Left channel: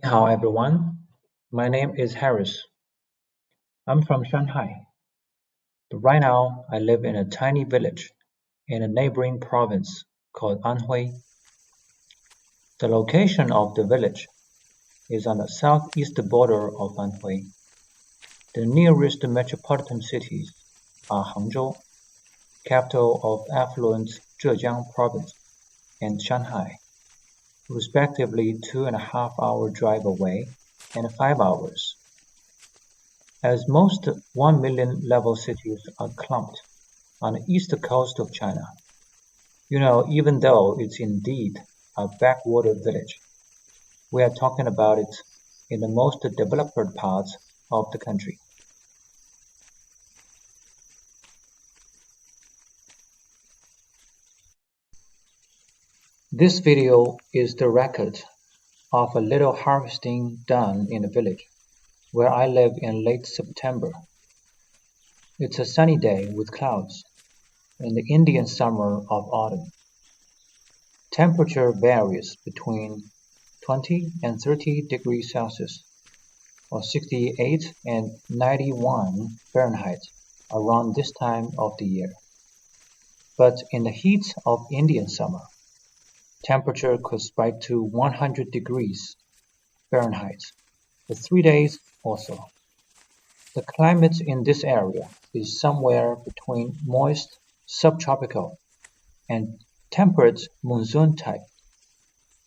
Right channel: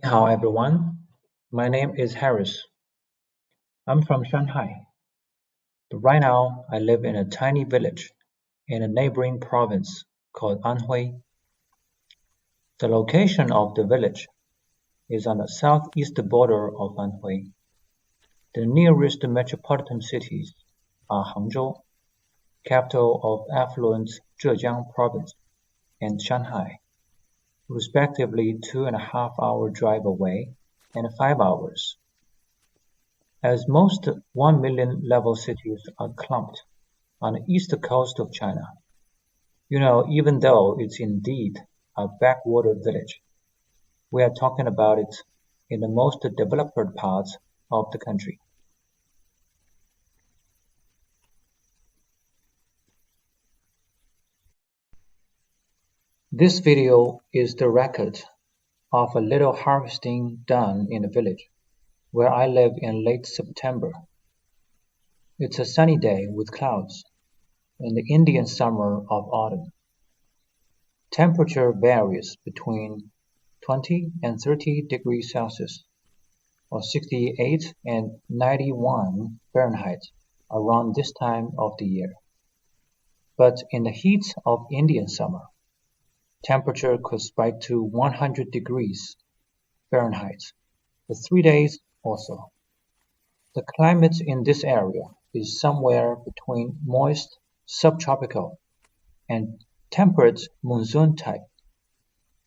Hello everyone, my name is Harris. I'm from Shanghai, but right now I live in a tiny village in a neighboring province called Anhui. The location of the village is on the southeast border of Anhui. The nearest metropolitan cities are Hangzhou, capital of affluent Zhejiang province, and Shanghai, respectively 2.5 hour drive away and 5 hours. As most 1 million level cities are clumped on the east coast of China, even though it's indeed a backwater village, we are talking about it in the most developed parts of the country. This video is the record of a little harvesting done in the village where I live in late September. It's a sunny day with clouds in the Indian summer of autumn. Temperature varies between 20 and 30 degrees Celsius or 68 and 91 Fahrenheit around this time of the year. But in the heat of Indian summer, temperature could spike to 100 degrees Fahrenheit for 3 days or so. The climate in this area is somewhere between moist subtropical and temperate monsoon type,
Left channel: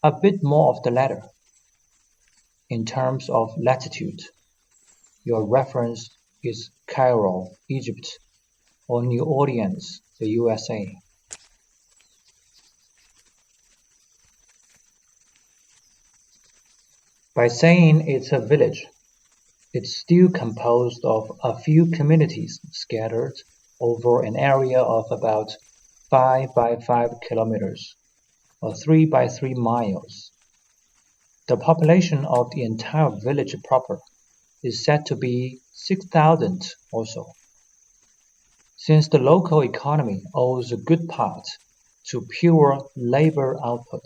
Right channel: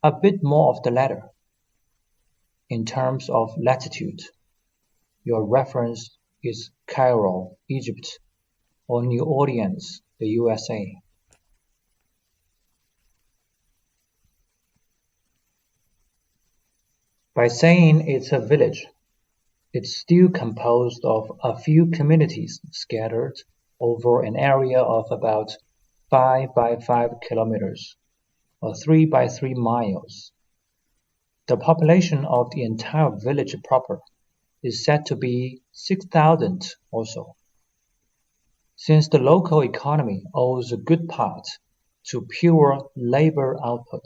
a bit more of the latter. In terms of latitude, your reference is Cairo, Egypt, or New Orleans, the USA. By saying it's a village, it's still composed of a few communities scattered over an area of about 5 by 5 kilometers or 3 by 3 miles. The population of the entire village proper is said to be 6,000 or so. Since the local economy owes a good part to pure labor output,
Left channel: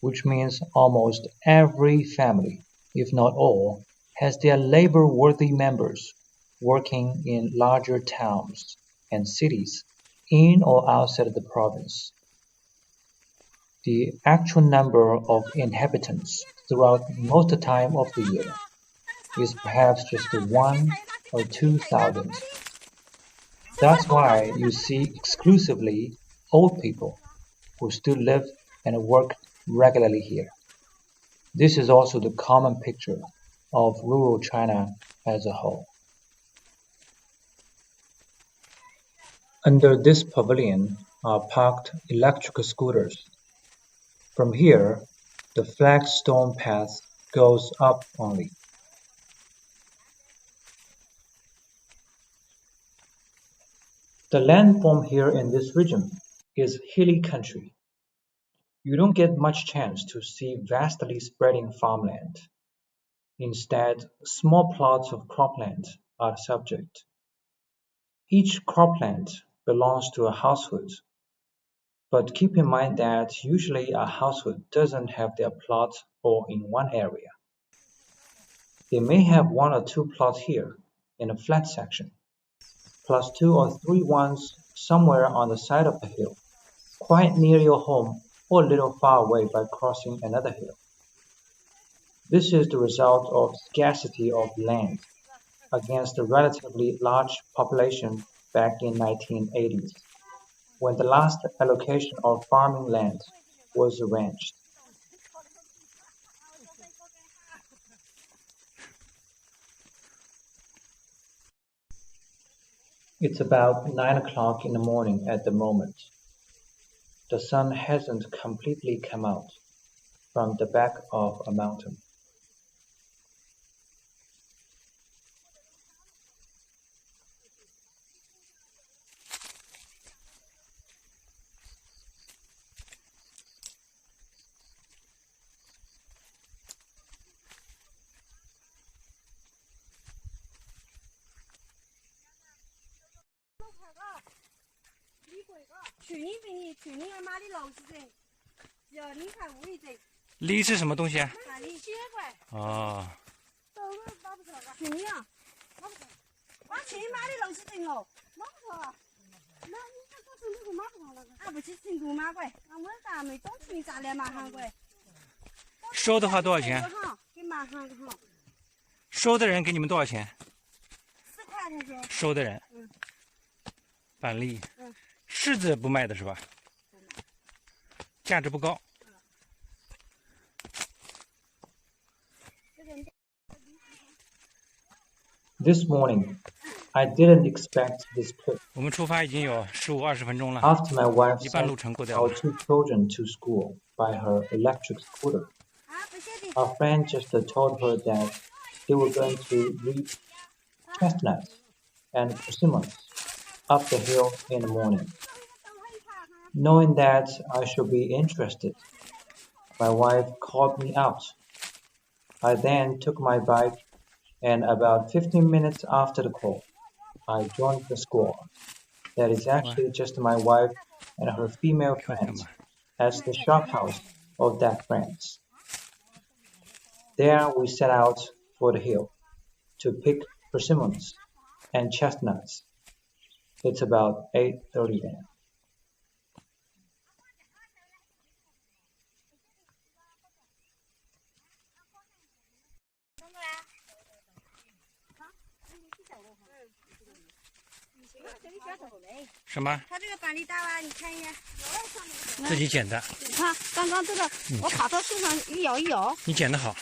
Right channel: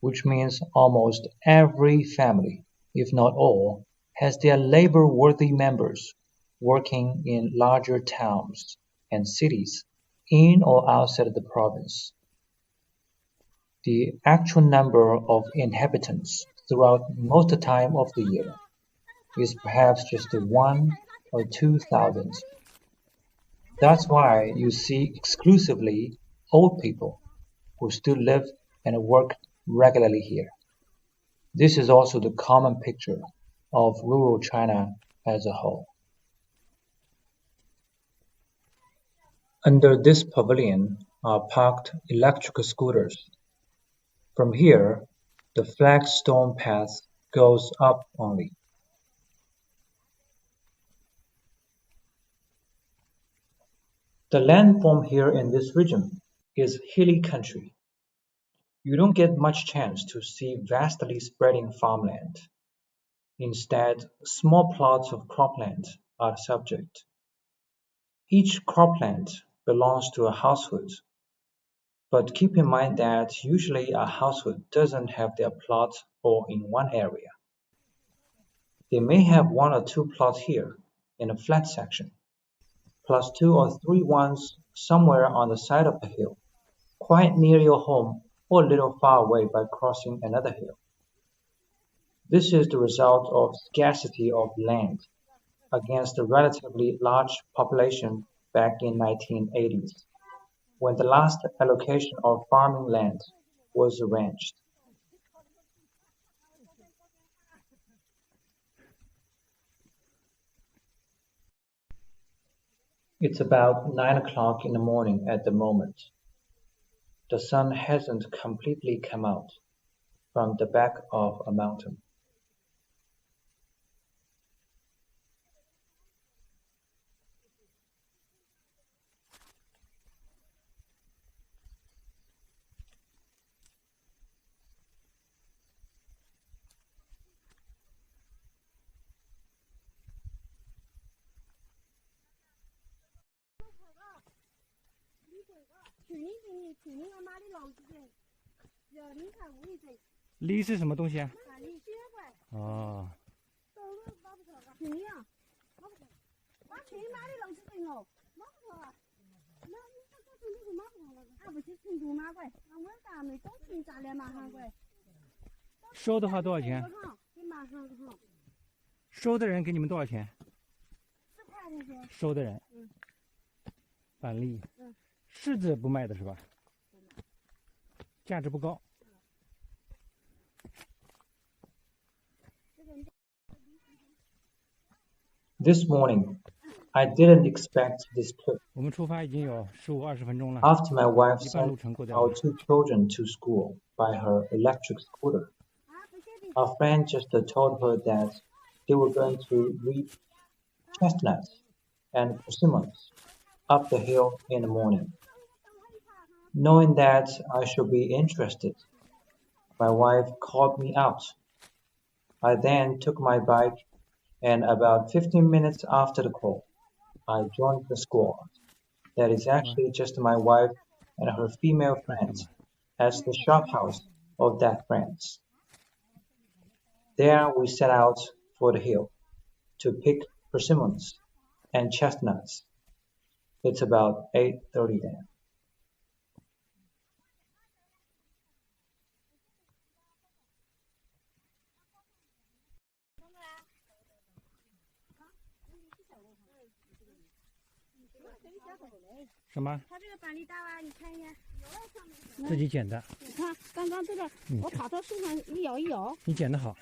which means almost every family, if not all, has their labor-worthy members working in larger towns and cities in or outside the province. The actual number of inhabitants throughout most time of the year is perhaps just 1 or 2,000. That's why you see exclusively old people who still live and work regularly here. This is also the common picture of rural China as a whole. Under this pavilion are parked electric scooters. From here, the flagstone path goes up only. The landform here in this region is hilly country. You don't get much chance to see vastly spreading farmland. Instead, small plots of cropland are the subject. Each cropland belongs to a household, but keep in mind that usually a household doesn't have their plot all in one area. They may have 1 or 2 plots here in a flat section, plus 2 or 3 ones somewhere on the side of the hill, quite near your home or a little far away by crossing another hill. This is the result of scarcity of land against a relatively large population back in 1980s, when the last allocation of farming land was arranged. It's about 9 o'clock in the morning at the moment. The sun hasn't completely come out from the back of a mountain. 梨是什么东西啊？板栗血怪。哦。行呀，我去买的东西整哦，买不着。那你这个是那个买不着那个？啊，不去成都买过，那我咱没中途咋来买韩国？收的话多少钱？给买韩国好。收的人给你们多少钱4块他说。收的人。板栗。柿子不卖的是吧？价值不高。This morning, I didn't expect this trip. 我们出发已经有15-20分钟了， After my wife 一半路 sent 程过掉 our 了。 2 children to school by her electric scooter, our friend just told her that they were going to reap chestnuts and persimmons up the hill in the morning. Knowing that I should be interested, my wife called me out. I then took my bike, and about 15 minutes after the call, I joined the squad. That is actually just my wife and her female friends at the shop house of that friends. There we set out for the hill to pick persimmons and chestnuts. It's about 8:30 a.m. 什么？他这个板栗大吧？你看一下。自己剪的。你看，刚刚这个，我爬到树上一摇一摇。你剪得好。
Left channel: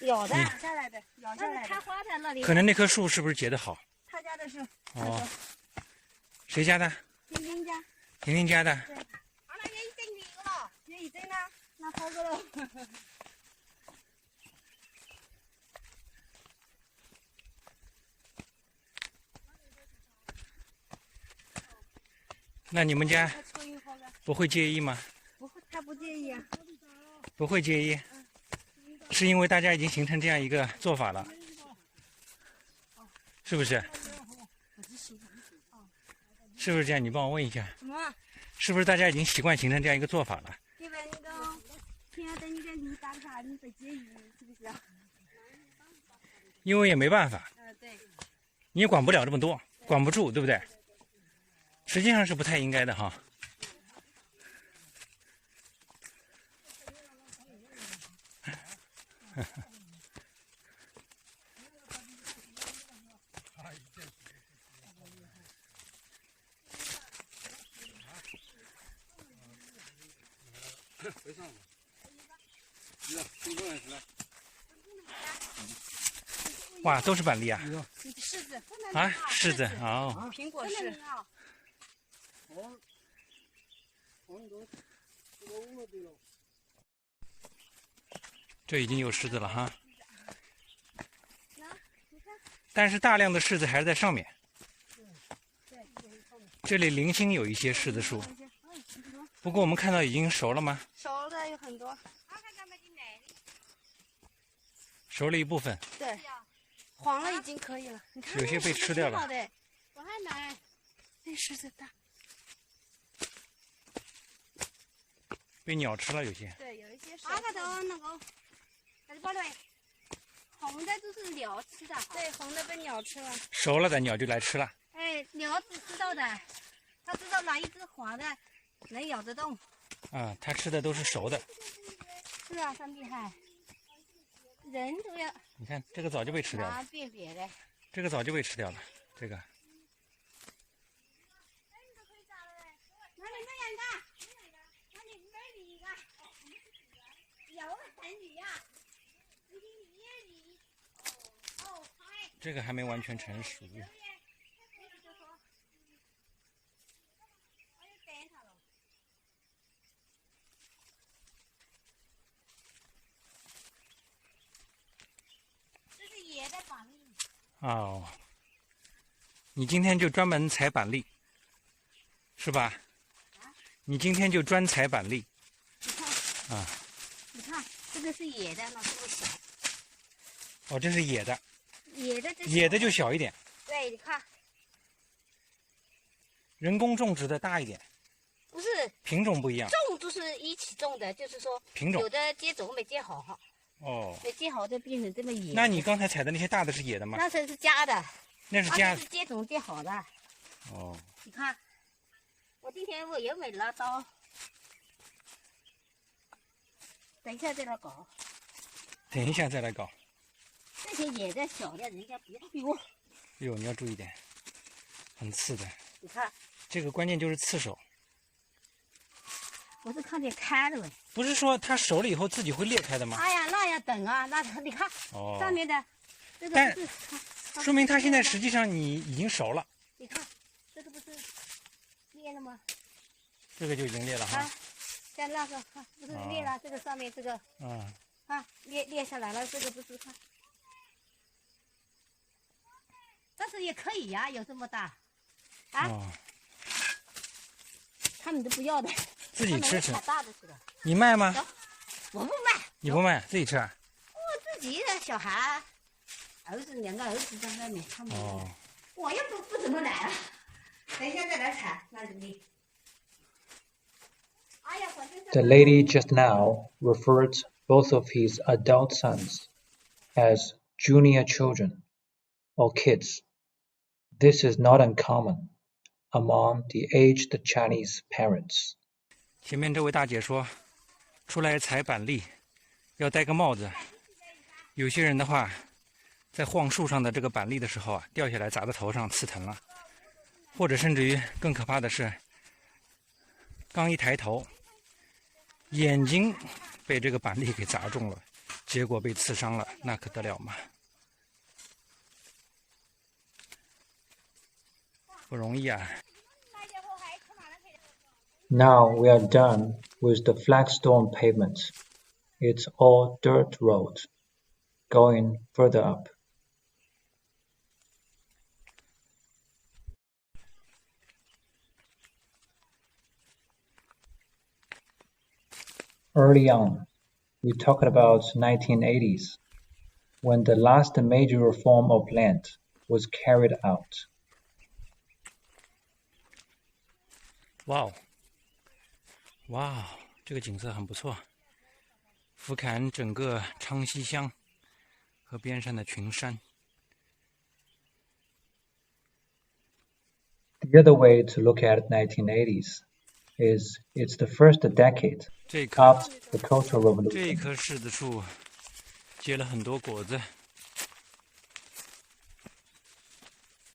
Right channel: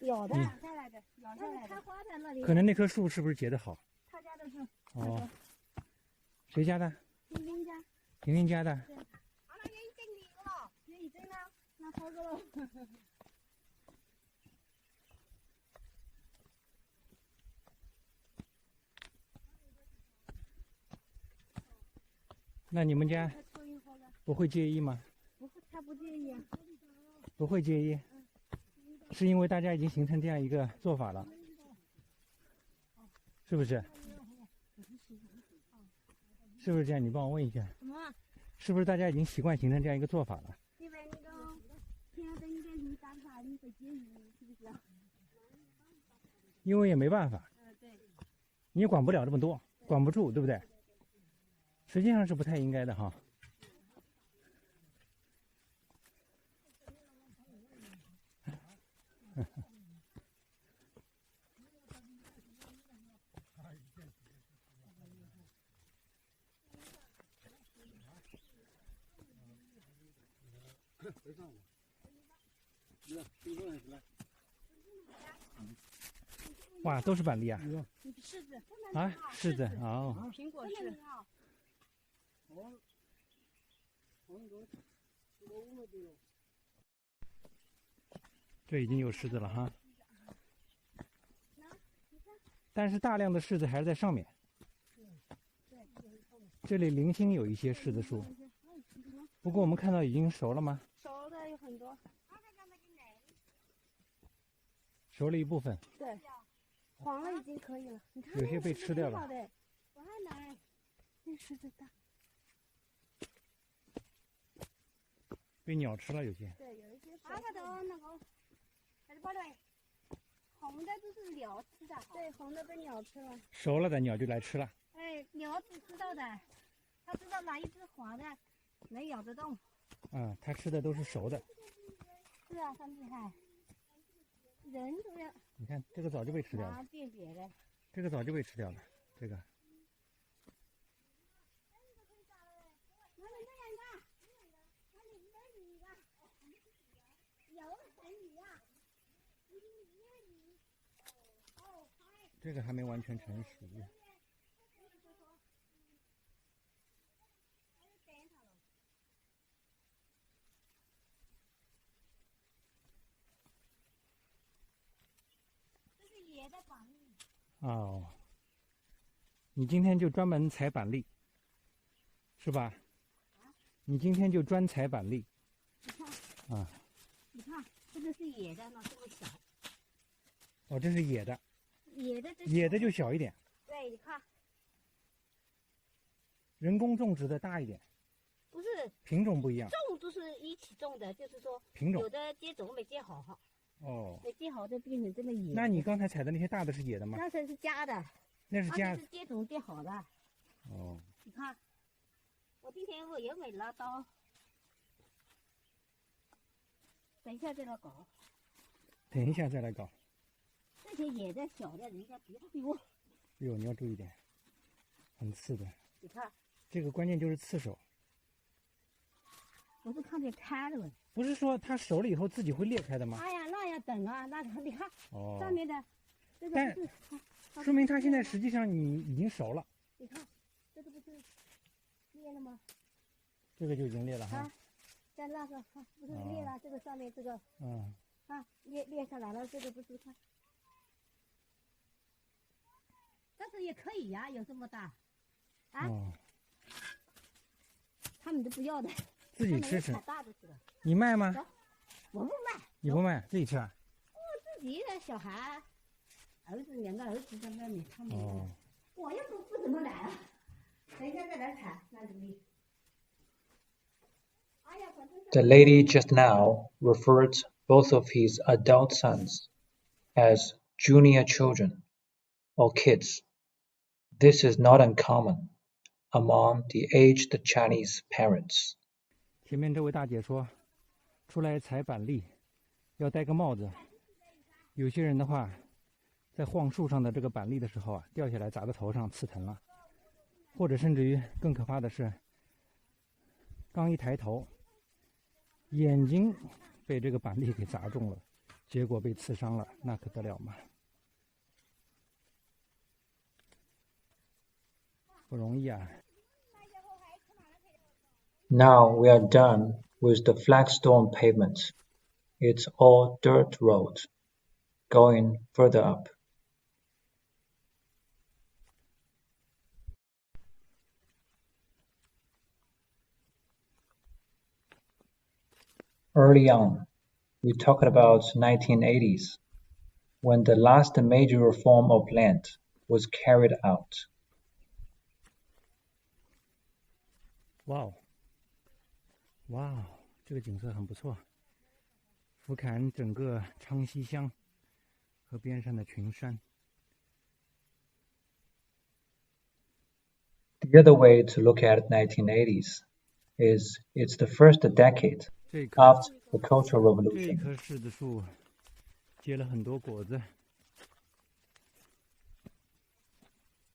咬的，咬下来的，咬下来的。开花在那里。可能那棵树是不是结得好？他家的是。哦。谁家的？婷婷家。婷婷家的。对。好了，也一整年了，也一整了，那好个了。那你们家不会介意吗？不会，他不介意啊。不会介意，是因为大家已经形成这样一个做法了，是不是？是不是这样？你帮我问一下。什么？是不是大家已经习惯形成这样一个做法了？因为那个天等你的梨大啥，你不介意，是不是？因为也没办法。对。你也管不了这么多，管不住，对不对？实际上是不太应该的哈。哇，都是板栗啊！柿子啊，柿子哦。苹果是。这已经有柿子了哈，但是大量的柿子还是在上面。这里零星有一些柿子树，不过我们看到已经熟了吗？熟的有很多，熟了一部分。对，黄了已经可以了。你看，有些被吃掉了。我还买，那柿子大。被鸟吃了有些。对，有一些是。那个，还是包的。红的都是鸟吃的。对，红的被鸟吃了。熟了的鸟就来吃了。哎，鸟只知道的，它知道哪一只黄的能咬得动。啊，它吃的都是熟的。是啊，它厉害。人都要。你看，这个早就被吃掉了。辨别的。这个早就被吃掉了，这个。这个还没完全成熟。这是野的板栗。哦，你今天就专门采板栗，是吧？你今天就专采板栗。你看。啊。你看，这个是野的，那这个小。哦，这是野的。野的就小一点。对，你看。人工种植的大一点。不是品种不一样。种都是一起种的，就是说品种有的接种没接好哈。哦。没接好就变成这么野。那你刚才采的那些大的是野的吗？那是加的。那是加的。是接种接好的。哦。你看，我今天我又买了刀，等一下再来搞。等一下再来搞。这些野的小的，人家不要。哟，哟，你要注意点，很刺的。你看，这个关键就是刺手。我是看见开了喂。不是说它熟了以后自己会裂开的吗？哎呀，那要等啊，那你看，上面的这个但说明它现在实际上你已经熟了。你看，这个不是裂了吗？这个就已经裂了哈。像那个看，不是裂了，这个上面这个，看裂下来了，这个不是看。但是也可以呀，有这么大，他们都不要的，自己吃吃。大的去了。你卖吗？我不卖。你不卖，自己吃啊？我自己的小孩，儿子2个儿子在外面，他们。我又不怎么来了，等一下再来采，那你。The lady just now referred both of his adult sons as junior children, or kids. This is not uncommon among the aged Chinese parents. 前面这位大姐说，出来采板栗要戴个帽子。有些人的话，在晃树上的这个板栗的时候啊，掉下来砸在头上，刺疼了。或者甚至于更可怕的是，刚一抬头，眼睛被这个板栗给砸中了，结果被刺伤了，那可得了吗？不容易啊。Now we are done with the flagstone pavement. It's all dirt road, going further up. Early on, we talked about 1980s, when the last major reform of land was carried out. 哇哦，哇哦，这个景色很不错，俯瞰整个昌西乡和边上的群山。The other way to look at 1980s is it's the first decade after the Cultural 这 Revolution. 棵柿子树结了很多果子。